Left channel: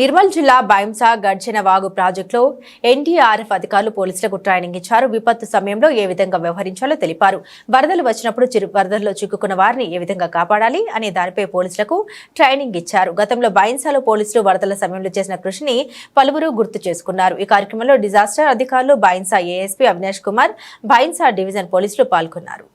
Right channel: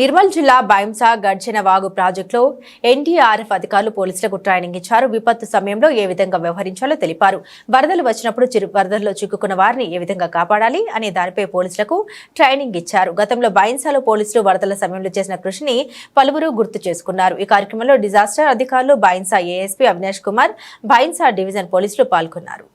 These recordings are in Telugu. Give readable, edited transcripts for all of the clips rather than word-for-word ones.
నిర్మల్ జిల్లా బైంసా గడ్చిన వాగు ప్రాజెక్టులో ఎన్డీఆర్ఎఫ్ అధికారులు పోలీసులకు ట్రైనింగ్ ఇచ్చారు. విపత్తు సమయంలో ఏ విధంగా వ్యవహరించాలో తెలిపారు. వరదలు వచ్చినప్పుడు వరదల్లో చిక్కుకున్న వారిని ఏ విధంగా కాపాడాలి అనే దానిపై పోలీసులకు ట్రైనింగ్ ఇచ్చారు. గతంలో బైంసాలో పోలీసులు వరదల సమయంలో చేసిన కృషిని పలువురు గుర్తు చేసుకున్నారు. ఈ కార్యక్రమంలో డిజాస్టర్ అధికారులు, బైంసా ఏఎస్పీ అవినాష్ కుమార్, బైంసా డివిజన్ పోలీసులు పాల్గొన్నారు.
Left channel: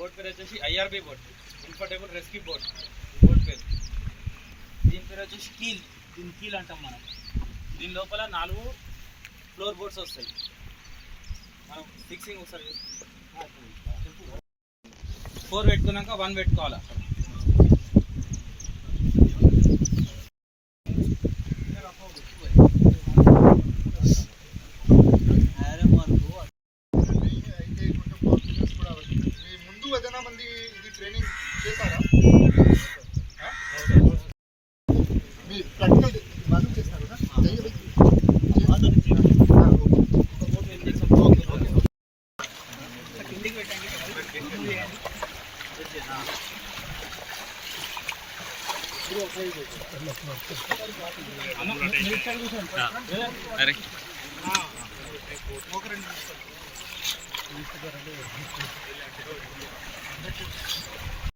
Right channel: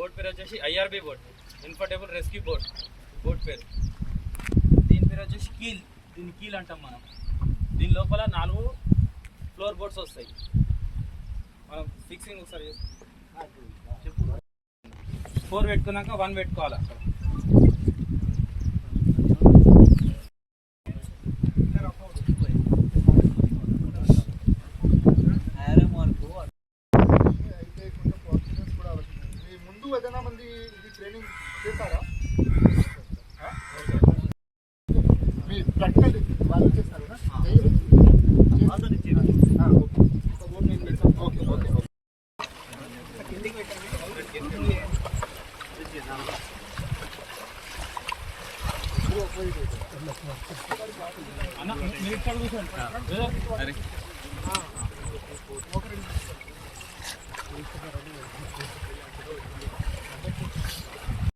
बोर्ड पे వచ్చేసి IRB board, inflatable rescue board board పేరు. దీని పేరు వచ్చేసి కీల్. దీని కీల్ అంటాం మనం. దీని లోపల 4 ఫ్లోర్ బోర్డ్స్ వస్తాయి. మనం ఫిక్సింగ్ ఒకసారి 4 పెట్టుకున్నాక 1 పెట్టుకోవాలి. మంది ఇది ట్రైనింగ్ చేశారా? మీ ప్రాక్టికల్ వాళ్ళు చేస్తారు కదా?